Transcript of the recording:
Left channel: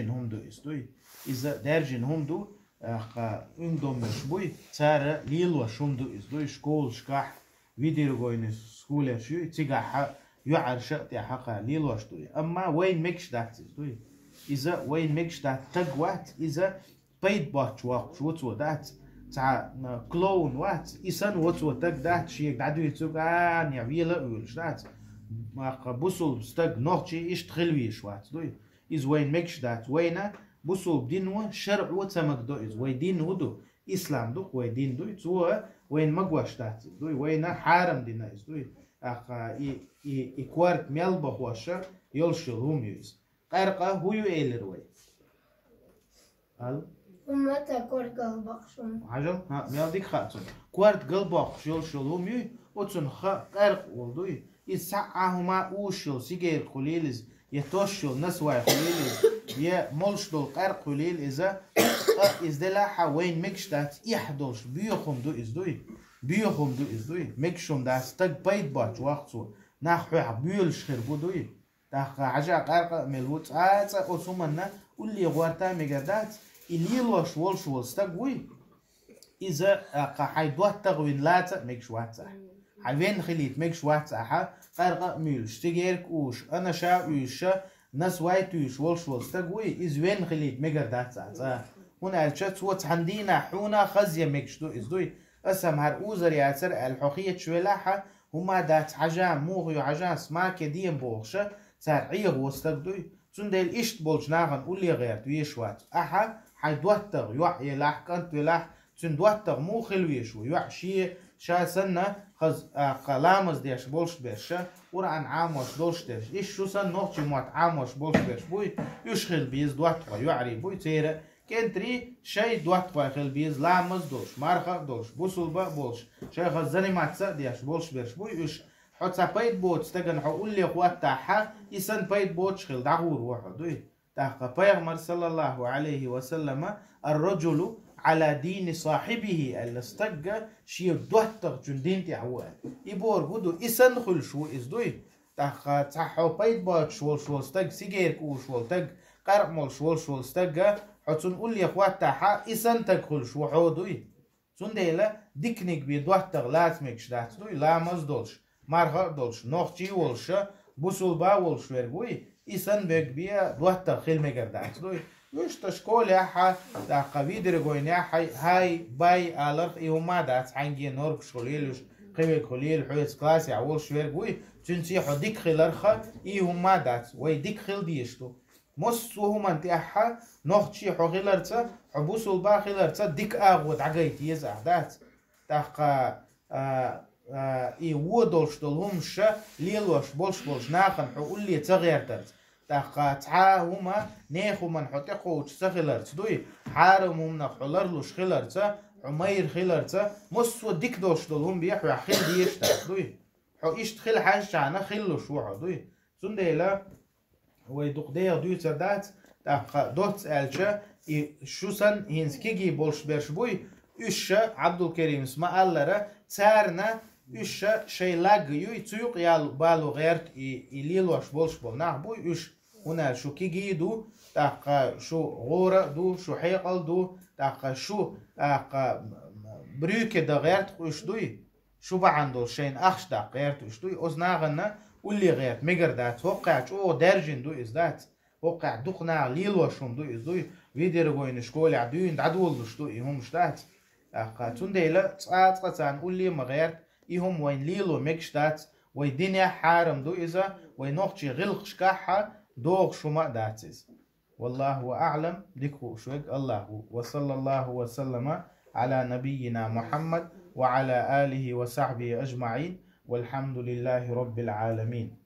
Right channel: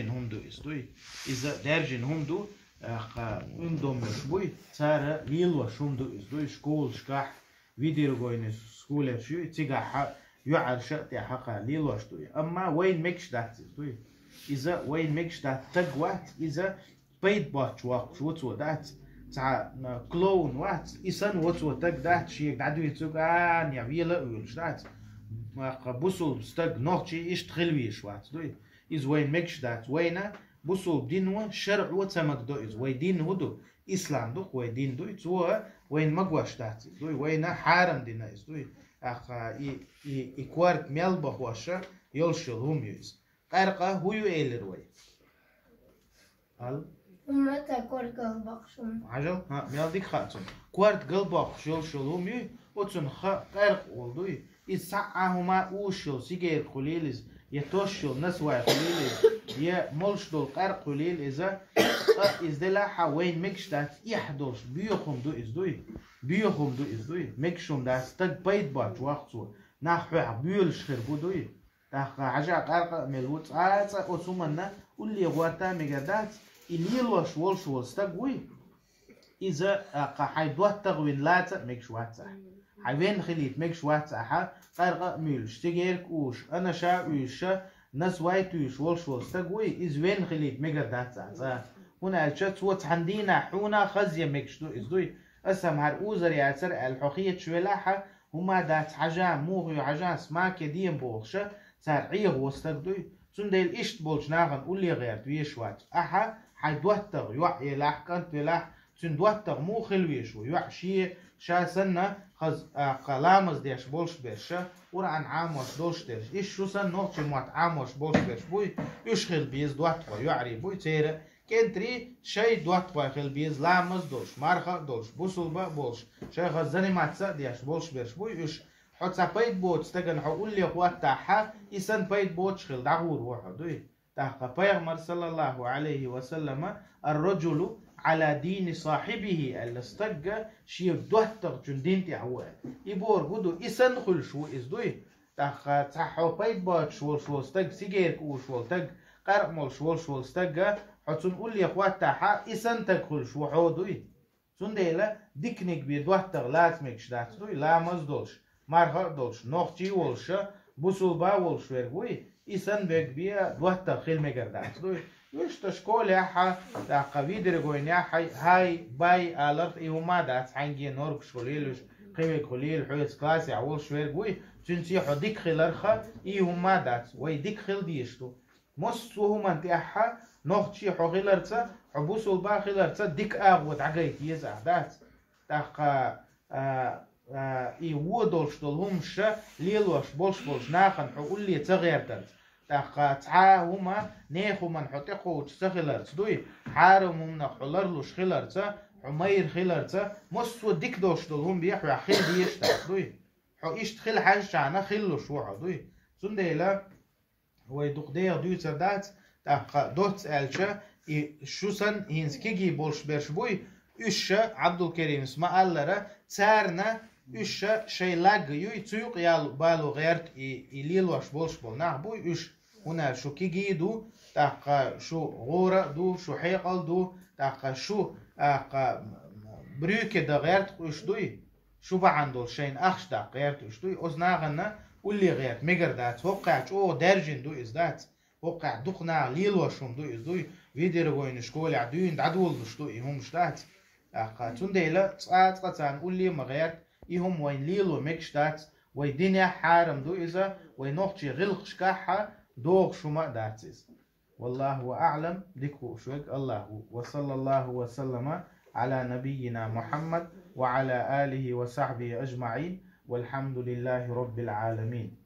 هم دو استوي إذا درجين هم دو عندهم مشبوي صار ليلو شوم دو استوي شكول شكاح فيديو جوين سكول شو تيجا يعر شأتي حقا ليلو استوي أما وين ميكش دات استوي إذا وين ميكش دات تجوات إذا بيت باتش وقت شو دات تاع كلون وات إسان وتو تك دات شيء قعدوا يتوقع نعيلا ويلش دات بوصل ستك نوختي إيش تخلوي شوات دوي إز وين مكش دات وينا بوصل دينو شرع وتمك دو إز وين دين هدو إسلام دو وين دين دو تو وين مقواش دات دوي وينا حارم دينا إز دوي إكوارت ميل بخواشا يلشل هم يز قرقة هو يأيلر وي ومتى كورت قلباقشون عجل ميل ديك خاتون كوارت قلباقش يلشل هم يز وتن قرق ولدوي إسعاهما أوشل سيجير خليلز يتوشل نسوى خليلز يا ملشدل قرق خليل إذا إزدلاحا وين مكشتات يحدوش بيوخم دو إزدوي بيوخم دو إزدوي مكشوم دا ستك بيت باج وقتو ناخوح بيولش خير بودوي تاخ عجا قرق ملوت عاتا أتومنا واللي غوارتا ميقردات اللي لوش ولش ولستقوي إذا حيدوات تغوين لاتا مكشواتا حوين خليت مكش وات أحا قرقة ميلش تجيرك وش أنا شا ويش ناس وايت ويش ولش ولستقوي إز وين خليت مجر دات هنا أشت وات عندنا حونا خزية مكش دو إز دوي أسم هرؤوزر يعتر الحقية شولاحة هما دات حاجة موغي حاجة سما كديم بوخشة ترعيه وستقدوي تندل إيش بولش ناغن قولي غير تويش وات أحا حيدوتر يوع يلاح كنت يلاح تندوتر مو خلويش ويوع شي شا سنة خز قلامز ديش بولش بيرشا ورعن عاموش دولش ديش إيش شو سن نوتشي موات عاموش بولش بيرش بوي يشخل بيز دوات ويعري بوي تيرا كنتري شي دوات ويخل بيز لامز دولش مارخا دولش بوصل با بولش شي غزاني ماتسا ديش بولش بيرش بوي يش حتى بيت بوت استغن حقول لي اخوات تاعها يسن بيت بوت شخل دعور وحدوي تاقا بيغمر صلى الله عليه وسلم الرجل على دين صاحبه الاستجا شيف دوتر جندين تعوال يبور بدو إسن خل شو إزدوي تاخ تاحو بيت بات شول شول استج سيجير كو شول تج قرمل شول شول استجا حتون قول يا اخوات تاحا إسن تدخل شو حودوي سنديلا ديكنيك بي دوتر لازمكش دات دوي لا مزدولش مارغا دولش نوختي ولش بوصل با ولش ورغوي إسن بيك بيا دوتر خيل ميجر دات دوي وش تشكول يا ح دا قويدر جوين يا حي هاي باي ألف إيهما دات عنجي نورك شغليلش قوي قليل حويس كلاس يعول شوير بوي تنسي حديك خلرخا إيهما دات ويديك خل ديشتو مس وهم أنت أحا نختشي حغيلرتا حبوس البا خيلرتا ديك أغود عقيت يزع دات تاقا إيودولش دولهمش ليلوش بولش ناخن حقول لي تغير درت تاقا تعا هما نيخو من حطيقو تسخلرت دوي حارم من حلرلوش خلرتا عمير خلرتا مصو ديك دوش دولهم بيحو خيل ديشتا دوي حو إيش تخيل حاجة شعنا خلوش وحو دوي سنديلا ويدوق دير دوي تردات تاقا دوت ألشا شو سن هينس كيجي بولش بيرش بوي إيشا عبد الكريم اسمه ألرا تارنا إيشا شي لاغ يوي تيوق يال بالو غيرت إليلوش بولش بولناه بوي إيش هنا شو كيجي دو تاقا شو غورة دو شو حيقل دو تاقا شو بريوكي دا غيرت وش دوي شو بعندو شين أخش دا غيرت وش دوي أزناغنا واللي غيرت ميجر دات وقعت أو درجين دو إزدات وقع دقنا ليلوشون دو إزدوي فيدير غوين شكولي عدوين دعدول وش دوي هم شتات تاقا تنديلا تسعات واللي مغيرت إهم وين ليلو ميكشتات ويدنيا حارم دو إذا وينوخشي غلق شكاحة دوغ شما داتس والله أعلم ديكو شوك الله وصلى الله وسلم على نبينا محمد وعلى آله وصحبه أجمعين والحمد لله رب العالمين.